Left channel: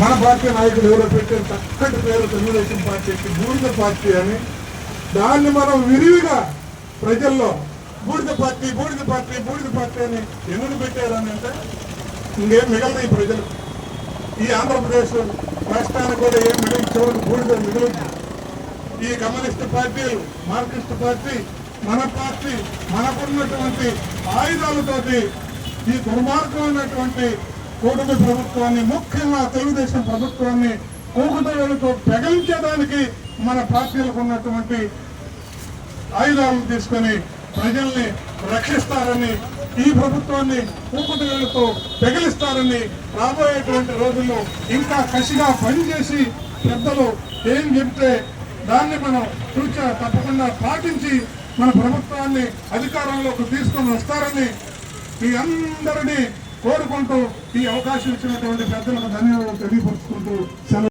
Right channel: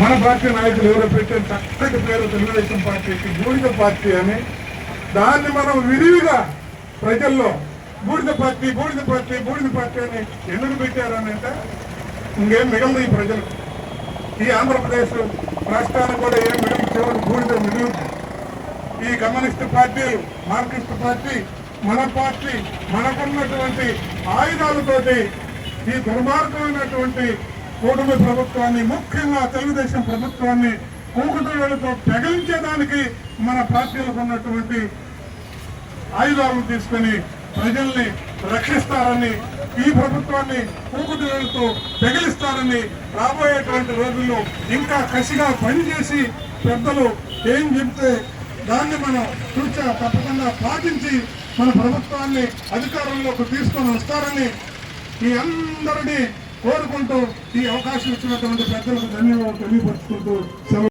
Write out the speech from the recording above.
మన పార్టీ నాయకులు ఎవరో పెట్టిన చక్కటి పేరు తెలుగుదేశం పార్టీకి బూడిద పార్టీ అని, దాన్ని మనం విరివిగా ప్రజల్లో బూడిద పార్టీ బూడిద పార్టీ బూడిద పార్టీ అని ఎందుకు పెట్టారని అంటే ఇంకేం మిగలదు ఈ ప్రజలు. ఈ ఆంధ్రప్రదేశ్ రాష్ట్రానికి కూడా ఏం మిగలు, చివరికి బూడిద మిగులుతుంది. ఈ కమ్యూనిస్టు పార్టీలు, మార్క్సిస్టు పార్టీ, మన పార్టీ మనకున్నటువంటి ఆయుధాలతోటి ఈ దుర్మార్గమైనటువంటి కూటమి ప్రభుత్వాన్ని, ముఖ్యంగా తెలుగుదేశం ప్రభుత్వాన్ని కూకుటవేలతో పెగలించడానికి మన పార్టీలకు ఉన్నటువంటి ఆయుధాలను తీసుకొని ప్రజల్ని రక్షిస్తారని, ఈ ప్రభుత్వాన్ని కూకుటవేలతో పెగిలిస్తారని, రాబోయేటువంటి రోజుల్లో ఇంకా కసిగా పనిచేసి పెద్దలు ఏం చెప్తే దాన్ని మనం తప్పకుండా పాటించి మన ప్రభుత్వాన్ని అధికారంలోకి తీసుకొని వస్తారని ఈ అందరినీ కోరుకుంటూ ఈ అవకాశం ఇచ్చినటువంటి పెద్దలకు ధన్యవాదాలు తెలియపరుచుకుంటూ